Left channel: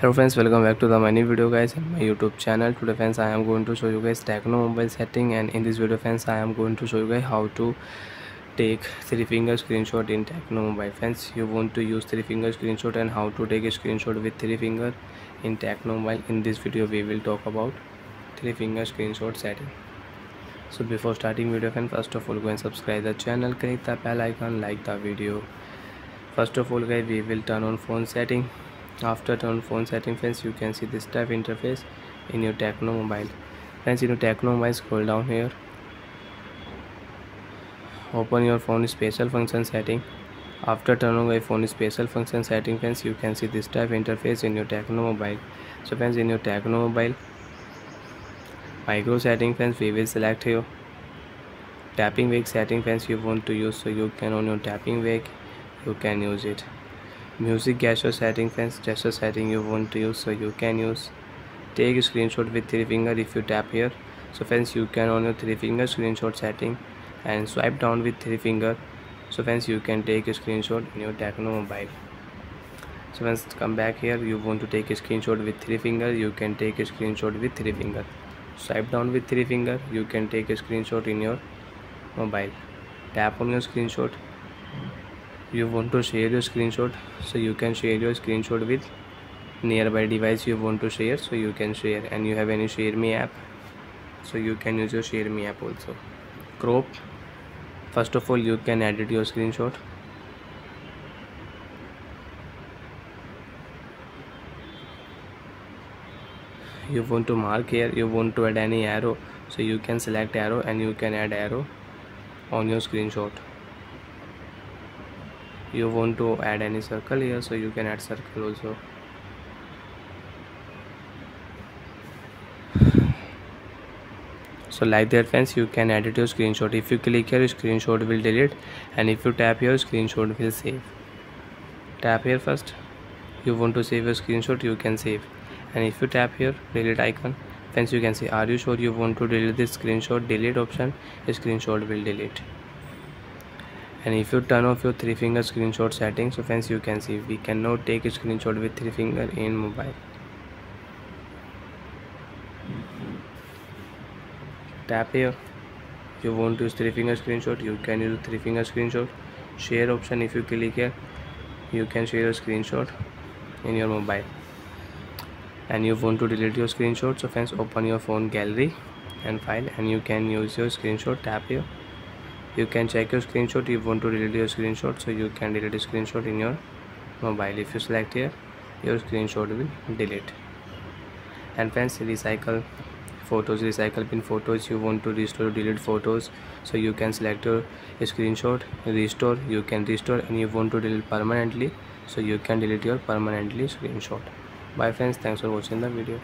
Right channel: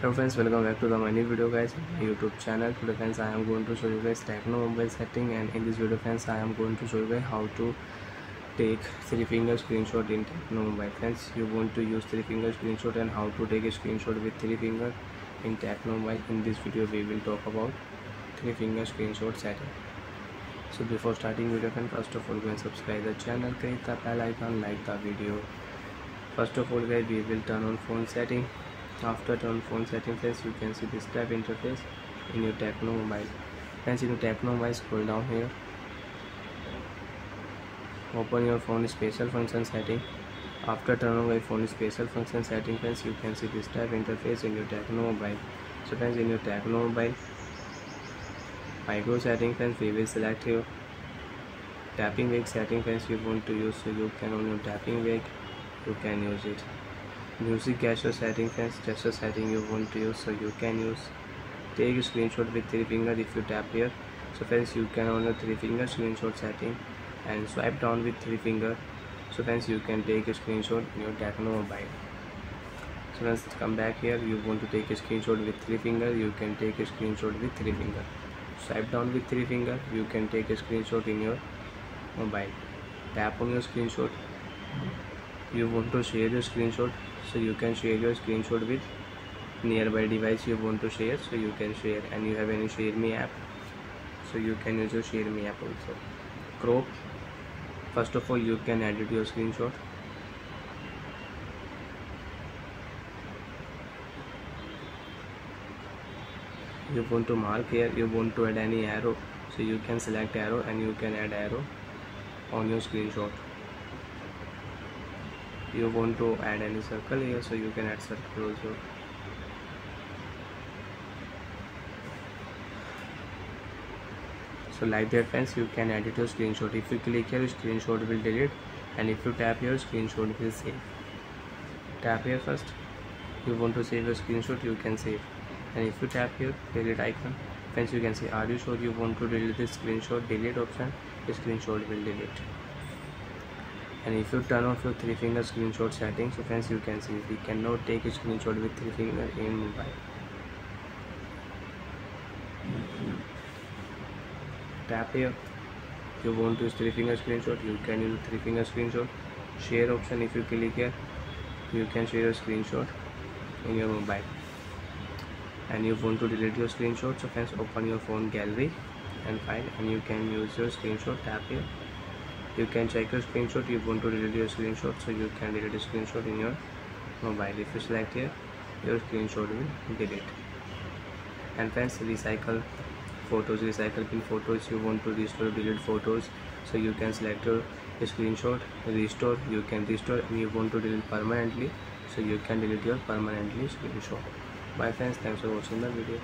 Hello friends, welcome back to the my new video guys on my YouTube channel. Today friends, I am going to show you guys Tecno mobile setting, and in this video friends, I am going to show you guys how to take 3-finger screenshot in Tecno mobile. Friends, you want to use 3-finger screenshot and how to take a screenshot with 3 finger in Tecno mobile. In this video we will talk about 3-finger screenshot setting. So before starting video friends, first of all go and subscribe the channel, click the bell icon, like the video. First of all guys, we will turn on phone setting. After turn on phone setting friends, you can see this type interface in your Tecno mobile. Friends, in your Tecno mobile, scroll down here, open your phone special function setting. After turn on your phone special function setting friends, you can see this type interface in your Tecno mobile. So friends, in your Tecno mobile micro setting friends, we will select here tapping wake setting friends you want to use, so you can on your tapping wake you can use it. Music gesture setting friends, gesture setting you want to use, so you can use. Take a screenshot with 3 finger if you tap here. So friends, you can on your 3-finger screenshot setting and swipe down with 3 finger. So friends, you can take a screenshot in your Tecno mobile. So friends, come back here, you want to take a screenshot with 3 finger, you can take a screenshot with 3 finger. Swipe down with 3 finger, you can take a screenshot in your mobile. Tap on your screenshot, you want to share your screenshot, so you can share your screenshot with nearby device you want to share, so you can share. And you have any share me app, so you can use your share me app also. Crop, first of all you can edit your screenshot. You want to mark here, you want to add any arrow, so you can select arrow and you can add arrow on your screenshot. You want to add any circle here, so you can add circle also. So like that friends, you can edit your screenshot. If you click here, your screenshot will delete, and if you tap here, screenshot will save. Tap here first, you want to save your screenshot, you can save. And if you tap here delete icon friends, you can see are you sure you want to delete this screenshot, delete option, screenshot will delete. And if you turn off your 3-finger screenshot setting, so friends, you can see we cannot take a screenshot with 3 finger in mobile. Tap here, you want to use 3-finger screenshot, you can use 3-finger screenshot. Share option, if you click here, you can share your screenshot in your mobile. And you want to delete your screenshot, so friends, open your phone gallery and file, and you can use your screenshot. Tap here, you can check your screenshot, you want to delete your screenshot, so you can delete a screenshot in your mobile. If you select here, your screenshot will delete. And friends, recycle photos, recycle pin photos, you want to restore or delete photos, so you can select your screenshot, restore, you can restore. And you want to delete permanently, so you can delete your permanently screenshot. Bye friends, thanks for watching the video.